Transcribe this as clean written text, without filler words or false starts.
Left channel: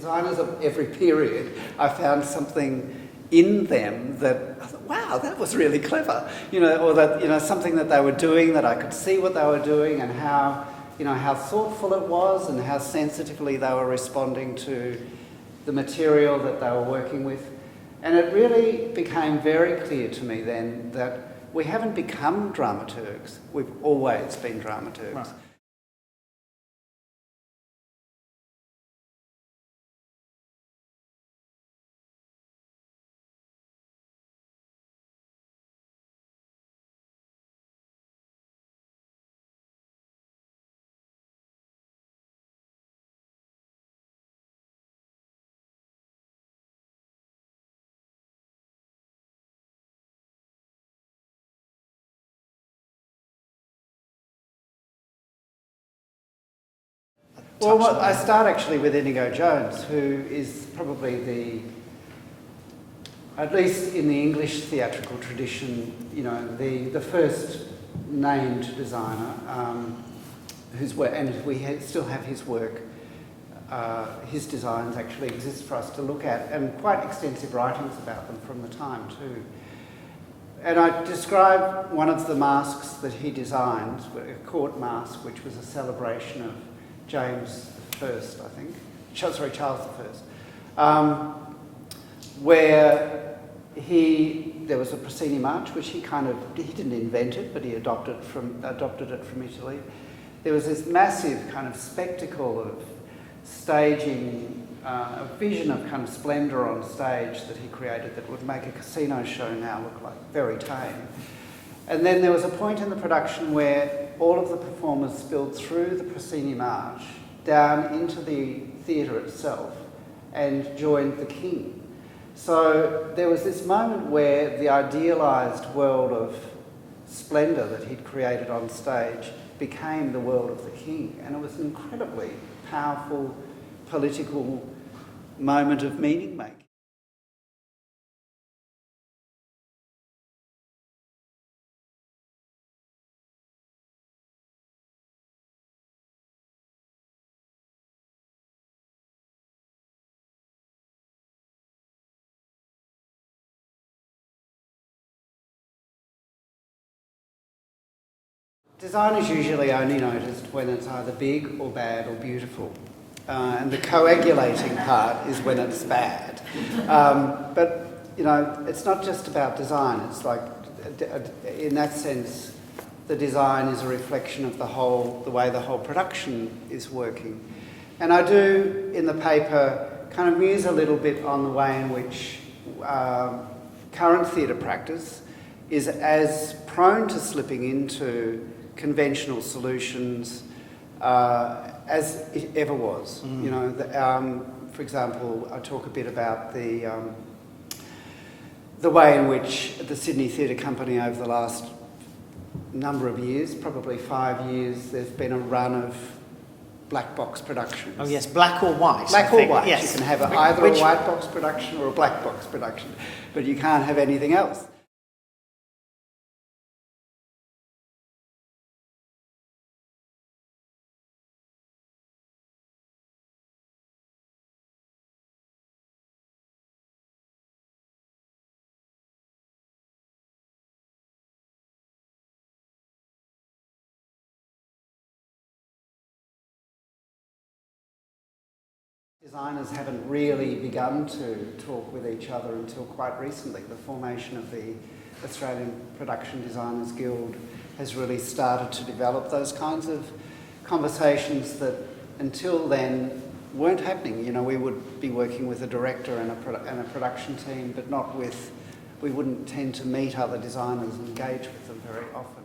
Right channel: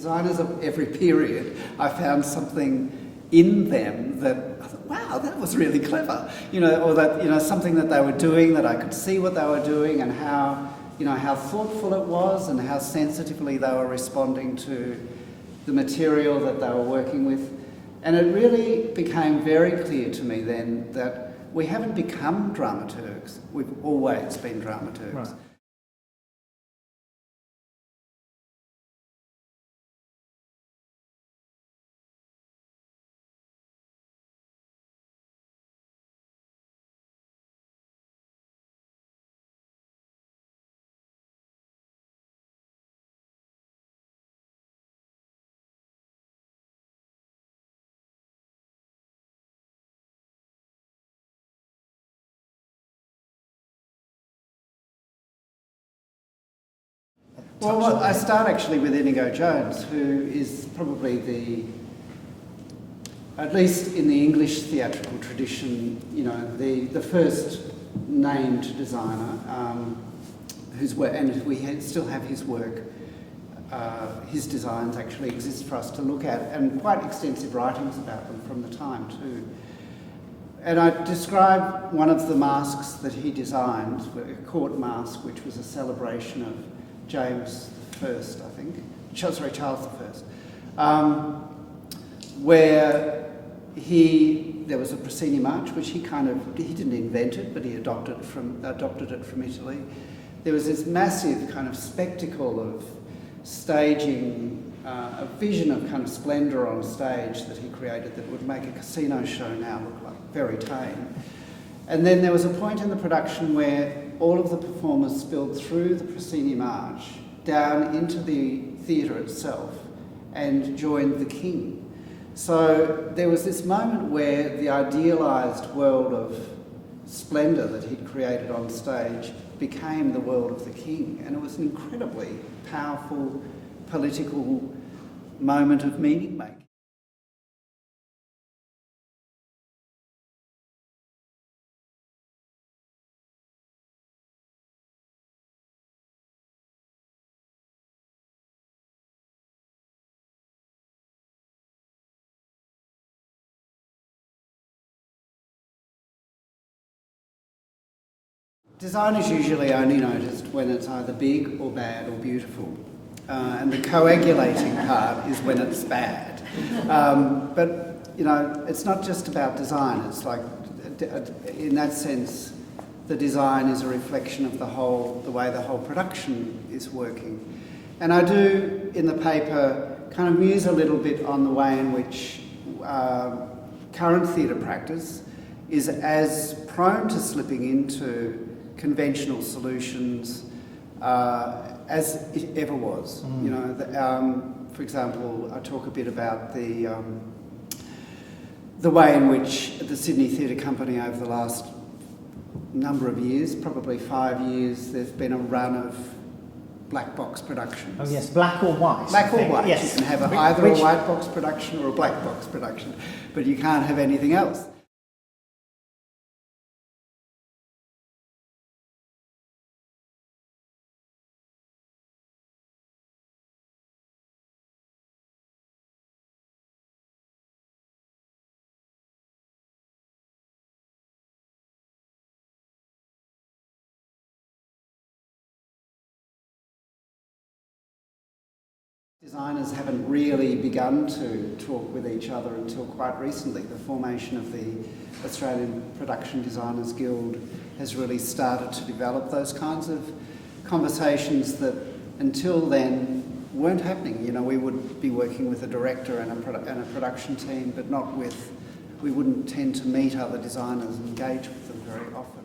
designers of every period, I found something in them that I thought, wow, that was really clever, or that, something that they were doing, that I could see what they were doing and how thoughtful it was and how sensitively they were responding to the material that they were working with. And it really became very clear to me then that we haven't become dramaturgs, we've always been dramaturgs. Right. Well, I start actually with Inigo Jones, who is probably at least in the English theatrical tradition, the first named designer, whose work, and we still have his work. His designs actually exist for us to look at, and quite extensive writings about them from the time too. And I describe one of the masks that he designed, a court mask, which was a celebration of James I, I think, Charles I, where there was a Puccini march, which he didn't invent it, but he adopted it from Italy. There was this massive kind of spectacle of staging, a vision of kind of splendour on stage that he created that would make a casino show now look like very tame. And then there was a point in the production where all of the performers spilled through the Puccini march down into the theatre itself and joined the king. So there was this moment where the idealised world of splendour that he'd created on stage became the world of the king, and it was an incredibly powerful political moment of meaning making. Design is usually only noticed when it's either big or bad or beautiful. And the coagulating part is when it's bad. But, it's not just about design. It's like, in that sense, the design is a reflection of the way the whole production is working. And I do, in the paper, kind of muse a little bit on the way in which current theatre practice is as prone to slipping into conventional solutions as it ever was. For example, I talk a bit about the way in which the Sydney Theatre Company over the last number of years, probably 5 years, there's been a run of black box productions. Oh yes, black or white. Black or white. Yes. You can have either a white box production or a black box production, but you can't have anything else. Designers haven't really begun to talk with each other until quite recently. The formation of the Australian Production Designers Guild has really started to develop those kinds of conversations that until then weren't happening. We would be working with a director and a production team, but we wouldn't tend to meet other designers and engage with them very often.